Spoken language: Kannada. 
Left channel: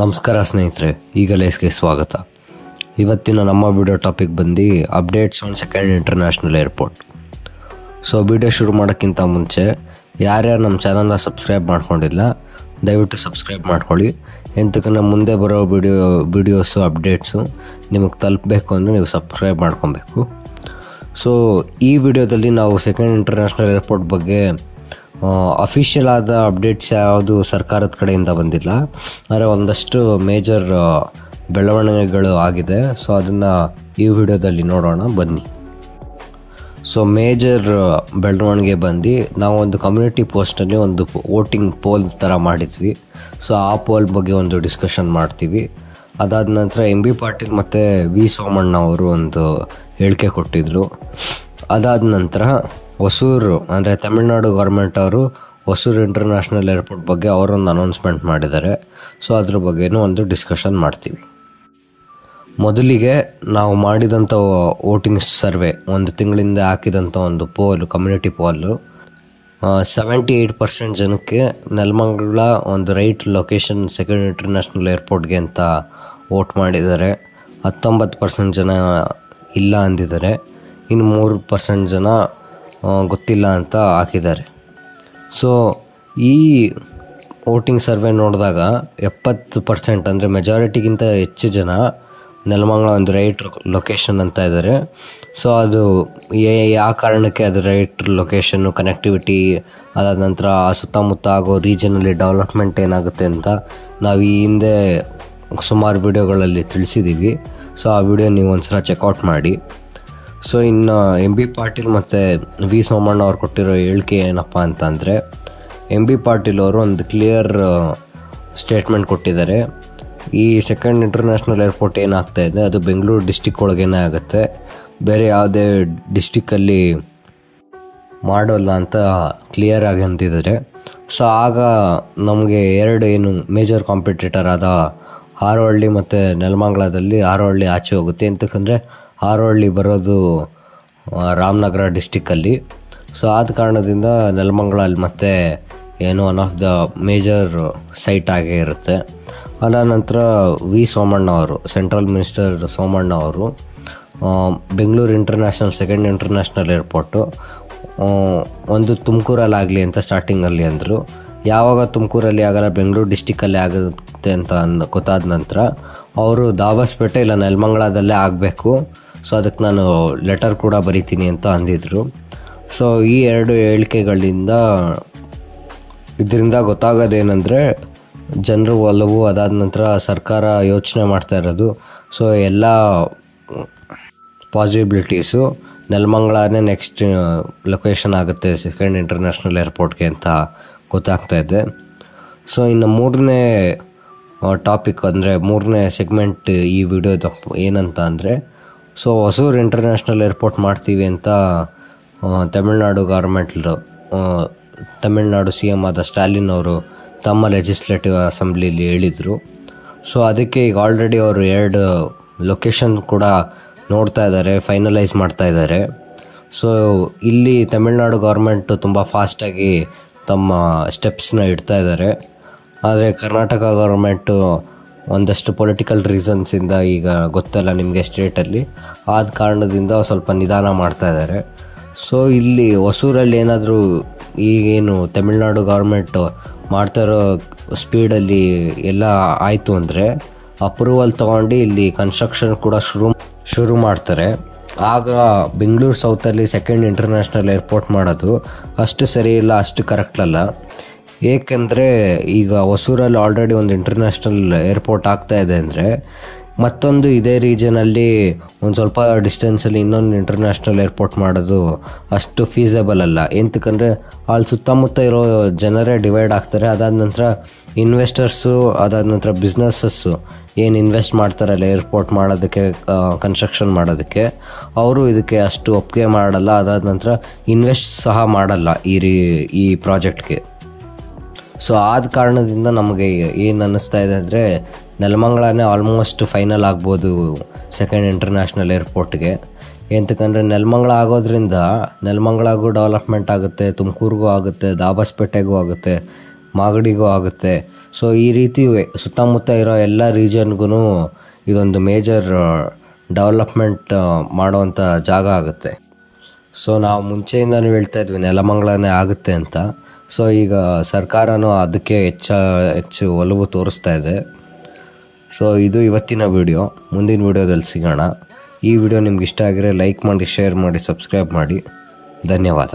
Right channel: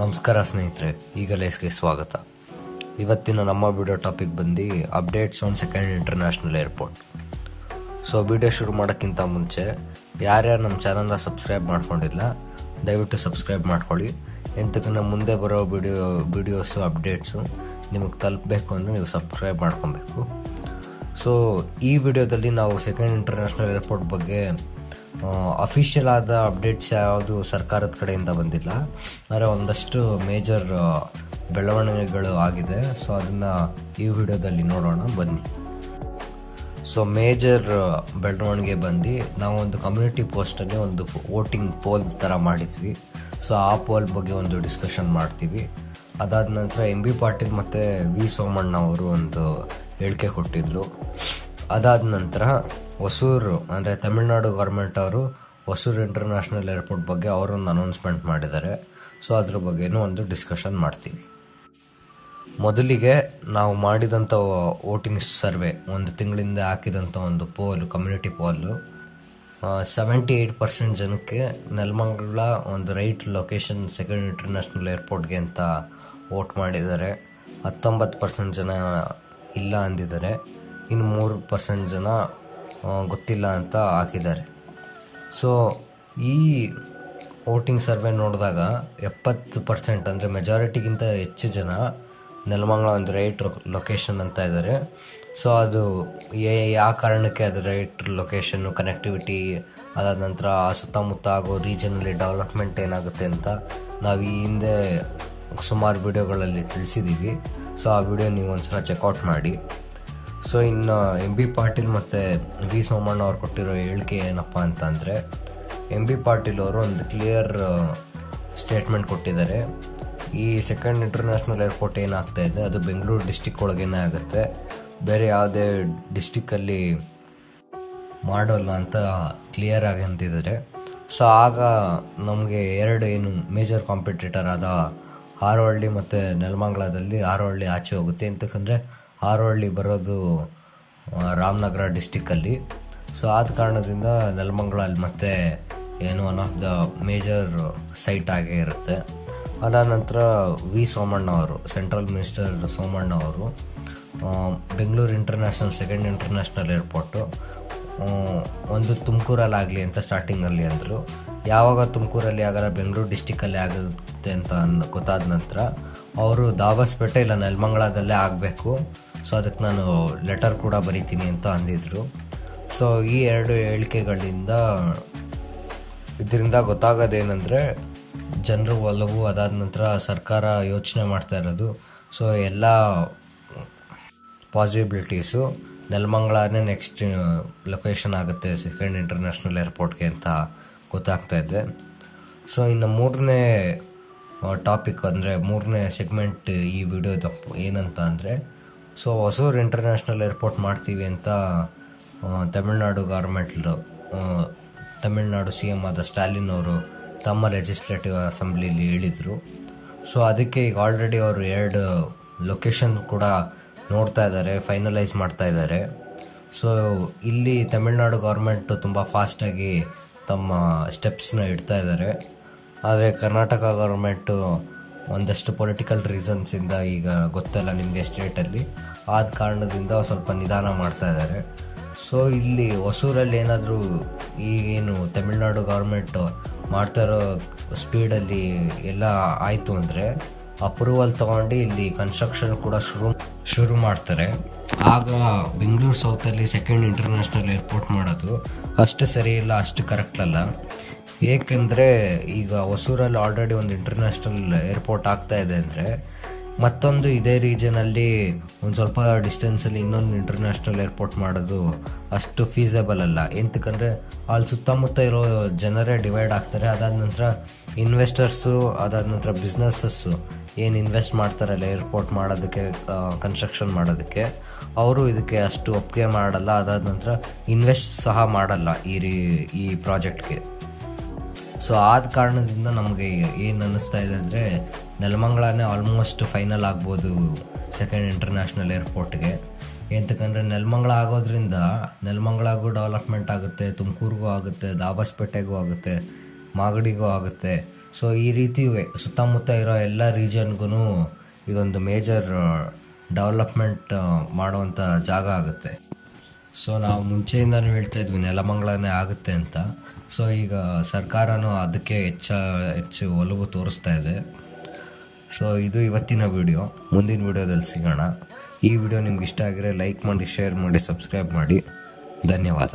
ನಮಸ್ಕಾರ ಸ್ನೇಹಿತರೆ, ಈಗ ಲೇಸ್ಗೆ ಸ್ವಾಗತ. ಇವತ್ತಿನ ನಮ್ಮ ವಿಡಿಯೋ ಟಾಪಿಕ್ ಬಂದು updates on second international airport. So video ಶುರು ಮಾಡೋಕ್ಕಿಂತ ಮುಂಚೆ ಯಾರ್ಯಾರು ನಮ್ಮ ಚಾನಲ್ನ ಸಬ್ಸ್ಕ್ರೈಬ್ ಮಾಡ್ಕೊಂಡಿಲ್ಲ ದಯವಿಟ್ಟು ಸಬ್ಸ್ಕ್ರೈಬ್ ಮಾಡ್ಕೊಳ್ಳಿ. ಎಂತಕ್ಕಂದ್ರೆ ಮುಂದೆ ಬರೋ ವಿಡಿಯೋಸು ಅಪ್ಡೇಟ್ಸು ನಿಮಗೆ ತಲುಪಬೇಕು ಅಂದರೆ ನೀವು ಸಬ್ಸ್ಕ್ರೈಬ್ ಮಾಡ್ಕೊಬೇಕು. ಸೊ ಈ ವಿಡಿಯೋದಲ್ಲಿ ನಾವು ಸೆಕೆಂಡ್ ಇಂಟರ್ನ್ಯಾಷನಲ್ ಏರ್ಪೋರ್ಟ್ ಬಗ್ಗೆ ಅಫಿಷಿಯಲ್ ಆದ ಅಪ್ಡೇಟ್ಸ್ ಯಾವುದು ಸರ್ಕಾರದ ಕಡೆಯಿಂದ ಬಂದಿಲ್ಲ, ಆದರೆ ಒಂದಷ್ಟು ಮೇಜರ್ ಬೆಳವಣಿಗೆಗಳು ಆಗಿದೆ. ಸೊ ಅದನ್ನು ಈ ವಿಡಿಯೋದಲ್ಲಿ ನೋಡೋಣ ಬನ್ನಿ. ಸೊ ಮೇಜರ್ ಬೆಳವಣಿಗೆ ಬಂದು ನಾವು ಒಂದು ಕಮ್ಯುನಿಟಿ ಪೋಸ್ಟಲ್ಲಿ ಒಂದು ವೋಟಿಂಗ್ ಪೋಲ್ ಥರ ಮಾಡಿದ್ವಿ. ಸೊ ಆ ಪೋಲ್ ಬಗ್ಗೆ ಒಂದು ಡಿಸ್ಕಷನ್ ಮಾಡ್ತೀವಿ. ಅದಾದ ನಂತರ MB ಪಾಟೀಲ್ ಮತ್ತು V ಸೋಮಣ್ಣ ಅವರು ಒಂದು ಹೇಳಿಕೆ ಕೊಟ್ಟಿದ್ದರು. ಅದಾದ ನಂತರ ಹೊಸೂರು ಅಂದರೆ ತಮಿಳ್ನಾಡು ಗೌರ್ಮೆಂಟ್ ಅವರು ಹೊಸೂರು ಇಂಟರ್ನ್ಯಾಷನಲ್ ಏರ್ಪೋರ್ಟ್ ಬಗ್ಗೆ ಅವರೊಂದು ಅನೌನ್ಸ್ಮೆಂಟ್ ಮಾಡಿದ್ದಾರೆ. ಸೊ ಅದ್ರ ಬಗ್ಗೆನೂ ಒಂದು ಡಿಸ್ಕಷನ್ ಮಾಡ್ತೀವಿ. ಮೊದಲಿಗೆ ನಾವು ಮಾಡಿದಂಥ ವೋಟಿಂಗ್ ಸರ್ವೆ, ಒಂದು ತಿಂಗಳಿಂದ ಹಾಕಿದಂಥ ಒಂದು ಪೋಲ್, ಕಮ್ಯುನಿಟಿ ಪೋಲು, 78% ಜನಕ್ಕೆ ನೆಲಮಂಗಲ ಒಂದು ರೈಟ್ ಲೊಕೇಶನ್ ಸೆಕೆಂಡ್ ಇಂಟರ್ನ್ಯಾಷನಲ್ ಏರ್ಪೋರ್ಟ್ಗೆ ಅಂತ ವೋಟ್ ಮಾಡಿದ್ದಾರೆ. 19% ಜನ ಇಲ್ಲ ಅಂದಿದ್ದಾರೆ. ಇನ್ನು 3% ಜನ ಗೊತ್ತಿಲ್ಲ ಅಂತ ಹಾಕಿದ್ದಾರೆ. ಸೊ ಈ ವೋಟಿಂಗ್ ಸರ್ವೆ ನೋಡಿದಾಗ 70% ಅಂದರೆ ಮೆಜಾರಿಟಿಗಿಂತ ಹೆಚ್ಚು ಜನ ನೆಲಮಂಗಲ ಒಂದು ರೈಟ್ ಲೊಕೇಶನ್ ಅಂತ ಇದ್ದಾರೆ. ಸೊ ಅದು ಯಾವ ಕಾರಣಕ್ಕೆ ಅದು ರೈಟ್ ಲೊಕೇಶನ್ನು, ಕನೆಕ್ಟಿವಿಟಿ, ಅದಾದ ನಂತರ ಆ ಸುತ್ತಮುತ್ತ ಆಗೋ ರೀಜನಲ್ಲಿ ಡೆವಲಪ್ಮೆಂಟ್ ಏನಾಗುತ್ತೆ ಅಂತ ನಾವು ಈ ಹಿಂದೆ ಸುಮಾರು ವಿಡಿಯೋಗಳಲ್ಲಿ ತಿಳಿಸಿದ್ದೀವಿ. ಸೊ ಆ ವಿಡಿಯೋ ನೀವು ಒಂದು ಸಲ ಚೆಕ್ಔಟ್ ಮಾಡಿ. ಸೊ ಇನ್ನು MB ಪಾಟೀಲ್ ಮತ್ತು V ಸೋಮಣ್ಣ ಅವ್ರು ಕೊಟ್ಟಿರೋ ಹೇಳಿಕೆ ಏನಪ್ಪ ಅಂತಂದರೆ, MB ಪಾಟೀಲ್ ಅವರು ಒಂದು ಕ್ಲಿಯರ್ ಸ್ಟೇಟ್ಮೆಂಟ್ ಕೊಟ್ಟಿದ್ದಾರೆ. ಈ ಸೆಕೆಂಡ್ ಇಂಟರ್ನ್ಯಾಷನಲ್ ಏರ್ಪೋರ್ಟ್ ಏನಾಗ್ತಾ ಇದೆ ಅದು ಬೆಂಗಳೂರು ಡಿಸ್ಟಿಕ್ ಒಳಗೇನೆ ಆಗುತ್ತೆ, ಬೇರೆ ಯಾವುದೇ ಡಿಸ್ಟಿಕ್ಕಲ್ಲಿ ಮಾಡೋಲ್ಲ ಅಂತ ಕ್ಲಿಯರಾಗಿ ಅಂತಿದ್ದಾರೆ. ಸೊ ಆಗ ನಮಗೆ ಏನು ಮೇಜರ್ ಕಾಂಪಿಟೇಟರ್ ಆದ ಹಾರೋಹಳ್ಳಿ ಮತ್ತು ನೆಲಮಂಗಲದಲ್ಲಿ ಹಾರೋಹಳ್ಳಿ ಆಚೆ ಹೋಗುತ್ತೆ. ಎಂತಕ್ಕಂದರೆ ಹಾರೋಹಳ್ಳಿ ಬರೋದು ರಾಮನಗರ ಡಿಸ್ಟಿಕ್ಕಲ್ಲಿ. ಸೊ ಆದ ಕಾರಣದಿಂದ ನೆಲಮಂಗಲ ಅಲ್ಲಿ ಮತ್ತೆ one of the major site ಆಗೇ ಇರುತ್ತೆ. ಅದಾದ ನಂತರ V ಸೋಮಣ್ಣ ಅವರು, ಸೆಂಟ್ರಲ್ ಮಿನಿಸ್ಟರ್ ಸೋಮಣ್ಣ ಅವರು, ಬೆಂಗಳೂರು ಸೆಕೆಂಡ್ ಇಂಟರ್ನ್ಯಾಷನಲ್ ಏರ್ಪೋರ್ಟು ಒಂದು ತುಮಕೂರಲ್ಲಾಗಲಿ ಅಂತ ಸ್ಟಾರ್ಟಿಂಗಲ್ಲಿ ಅಂದರು. ಯಾವಾಗ ತುಮಕೂರಲ್ಲಿ ಆಗಲ್ಲ, ಬೆಂಗಳೂರು ಡಿಸ್ಟಿಕ್ಕಲ್ಲಿ ಆಗುತ್ತೆ ಅಂತ ಗೊತ್ತಾದ ನಂತರ ಅವರು ದಾಬಸ್ಪೇಟೆ ಇಲ್ಲ ನೆಲಮಂಗಲದಲ್ಲೇ ಆಗಬೇಕು, ಸೊ ಅದಕ್ಕೆ ನಾನು ಲೆಟರ್ ಕೂಡ ಬರಿತೀನಿ ಅಂತ ಅಂದಿದ್ರು. ಸೊ ಈ ಎರಡು ಹೇಳಿಕೆಗಳಿಂದ ಇದರಿಂದ ಗೊತ್ತಾಗೋದೇನೆಂದರೆ ಜನರು ಒಲವು, ಅದಾದ ನಂತರ ಸರ್ಕಾರ ಯೋಚನೆ ಮಾಡ್ತಾ ಇರೋದು. ಸೊ ಎಲ್ಲ ಪಾಸಿಬಿಲಿಟೀಸು ನೆಲಮಂಗಲನೇ ನೆಕ್ಸ್ಟ್ ಲೊಕೇಶನ್ ಆಗುತ್ತೆ ಸೆಕೆಂಡ್ ಇಂಟರ್ನ್ಯಾಷನಲ್ ಏರ್ಪೋರ್ಟ್ಗೆ ಅಂತ ಗೊತ್ತಾಗ್ತಾ ಇದೆ. ಸೊ ಇನ್ನು ಮೂರನೇ ಟಾಪಿಕ್ ಅಂದರೆ ಮೂರನೇ ಸೆಗ್ಮೆಂಟ್ ಈ ವಿಡಿಯೋದ ಏನಂತ ಅಂದರೆ, ಸೊ ಹೊಸೂರು ಇಂಟರ್ನ್ಯಾಷನಲ್ ಏರ್ಪೋರ್ಟ್ ಮಾಡ್ತೀವಿ ಅಂತ ತಮಿಳ್ನಾಡು ತಮಿಳ್ನಾಡು CM ಆದ ಸ್ಟಾಲಿನ್ ಅವರು ತಮ್ಮ ಲೆಜಿಸ್ಲೇಟಿವ್ ಅಸೆಂಬ್ಲಿಲಿ ಹೇಳಿದರು. ಸೊ ಅದಕ್ಕೆ ಈಗ ಆಲ್ರೆಡಿ ಅವರು 2 ಲೊಕೇಶನ್ ಕೂಡ ನೋಡ್ತಾ ಇದ್ದಾರೆ, ಫೈನಲೈಸ್ ಮಾಡ್ತಾ ಇದ್ದಾರೆ. ಸೊ ಇಲ್ಲಿ ತಮಿಳ್ನಾಡು ಗೌರ್ಮೆಂಟು ತುಂಬ ಫಾಸ್ಟಾಗಿ ತಮ್ಮ ಸ್ಟೆಪ್ಸ್ನ ಇಡ್ತಾ ಇದ್ದಾರೆ. ಆದರೆ ಕರ್ನಾಟಕ ಗೌರ್ಮೆಂಟು ಒಂದಷ್ಟು ಪೊಲಿಟಿಕಲ್ ರೀಸನ್ಸಿಂದ, ಈಗ ಗೊತ್ತಲ್ಲ ನಿಮಗೆ ಸ್ಟೇಟಲ್ಲಿ, ಆದ ಕಾರಣದಿಂದ ಸ್ವಲ್ಪ ನಿಧಾನ ಮಾಡ್ತಾ ಇದ್ದಾರೆ. ಸೊ ಇಲ್ಲಿ ಹೊಸೂರಲ್ಲಿ ಏನಾದರೂ ಈಗೇನು ತಮಿಳ್ನಾಡು ಗೌರ್ಮೆಂಟು ಮಾಡ್ತಾ ಇರೋ ಸ್ಪೀಡಲ್ಲಿ ಎಲ್ಲ ಆಯಿತು ಅಂದರೆ ಅಪ್ರೂವಲ್ ತೊಗೊಂಡು ಇಲ್ಲಿ ಕನ್ಸ್ಟ್ರಕ್ಷನ್ ಕೂಡ ಶುರು ಮಾಡ್ತಾರೆ. ಆಗ ಬೆಂಗಳೂರು ಸೌತಲ್ಲಿ ಸೆಕೆಂಡ್ ಇಂಟರ್ನ್ಯಾಷನಲ್ ಏರ್ಪೋರ್ಟ್ ಮಾಡೋದು ಅಷ್ಟು ಸರಿ ಇಲ್ಲ, ಅಷ್ಟು ಕರೆಕ್ಟ್ ಅಲ್ಲ. ಏಕೆಂದರೆ ಈಗ ಹೊಸೂರಲ್ಲಿ ಆಲ್ರೆಡಿ ಒಂದು ಇಂಟರ್ನ್ಯಾಷನಲ್ ಏರ್ಪೋರ್ಟ್ ಆಗ್ತಾಯಿದೆ ಅಂದರೆ ಮತ್ತೊಂದು ಇದೇ ರೀಜನಲ್ಲಿ ಒಂದು ಸ್ವಲ್ಪ ಡಿಸ್ಟೆನ್ಸಲ್ಲಿ ಇನ್ನೊಂದು ಇಂಟರ್ನ್ಯಾಷನಲ್ ಏರ್ಪೋರ್ಟ್ ಮಾಡೋದು ಅಷ್ಟು ಫೀಸಬಲ್ ಅಲ್ಲ. ಎಂತಕ್ಕಂದರೆ ಅಲ್ಲಿ ಸುತ್ತಮುತ್ತ ಇರೋ ಜನರೇ ಡಿವೈಡ್ ಆಗ್ತಾರೆ. ಅದಾದ ನಂತರ ಇನ್ವೆಸ್ಟರ್ಸು, ಅದಾದ ನಂತರ ಬಿಸ್ನೆಸ್ಸಸ್ಸು ಏನು ಇನ್ವೆಸ್ಟ್ ಮಾಡ್ತಾರಲ್ಲ ಏರ್ಪೋರ್ಟ್ ಮಾಡೋದಕ್ಕೆ, ಕನ್ಸ್ಟ್ರಕ್ಷನ್ ಮಾಡೋದಕ್ಕೆ, ಅವರು ಇದಕ್ಕೆ ಅಷ್ಟು ಒಪ್ಪಿಗೆ ಮಾಡಲ್ಲ. ಅದಾದ ನಂತರ ಇನ್ವೆಸ್ಟ್ ಸಹ ಮಾಡಲ್ಲ ಈ ಪ್ರಾಜೆಕ್ಟ್ಗೆ. ಸೊ ಆದ ಕಾರಣದಿಂದ ನಮಗೆ ಏನು ಅನ್ನಿಸ್ತಾ ಇದೆ ಅಂದರೆ ನೆಲಮಂಗಲನೇ ಆಲ್ಮೋಸ್ಟ್ ಫೈನಲ್ ಆಗ್ಬೋದು ಸೆಕೆಂಡ್ ಇಂಟರ್ನ್ಯಾಷನಲ್ ಏರ್ಪೋರ್ಟ್ಗೆ. ಎಂತಕ್ಕಂದರೆ ನೆಲಮಂಗಲ ಆಗೋದ್ರಿಂದ ನೆಲಮಂಗಲಗೂ ಡೆವಲಪ್ಮೆಂಟ್ ಆಗುತ್ತೆ, ತುಮಕೂರಿಗೂ ಆಗುತ್ತೆ, ದಾಬಸ್ಪೇಟೆಗೂ ಆಗುತ್ತೆ, ಮಾಗಡಿಗೂ ಆಗುತ್ತೆ. ಸೊ ಈ ರೀತಿ ಸುತ್ತಮುತ್ತ ಇರೋ ಎಲ್ಲ ರೀಜನ್ಗೂ ಇದೊಂದು ಮೇಜರ್ ಡೆವಲಪ್ಮೆಂಟ್ ಮಾಡೋವಂಥ ಜಾಗ ಆಗುತ್ತೆ. ಸೊ ನಾವು ಮುಂಚೆಯಿಂದನೂ ಹೇಳ್ತಾ ಇದ್ವಿ ನೆಲಮಂಗಲನೇ ಆಗುತ್ತೆ ಅಂತ. ಸೊ ಈಗ ಸರ್ಕಾರನೂ ಅದಕ್ಕೆ ಹೆಚ್ಚು ಒಲವು ತೋರಿಸ್ತಾ ಇದೆ. ಸೊ ಇದು ಇವತ್ತಿನ ವಿಡಿಯೋ. ಮುಂದಿನ ವಿಡಿಯೋದಲ್ಲಿ ಸಿಗೋಣ. ಈ ವಿಡಿಯೋ ನಿಮ್ಗೆ ಇಷ್ಟ ಆಗಿದ್ರೆ ಲೈಕ್ ಮಾಡಿ, ಶೇರ್ ಮಾಡಿ, ಸಬ್ಸ್ಕ್ರೈಬ್ ಮಾಡಿ. ಧನ್ಯವಾದ.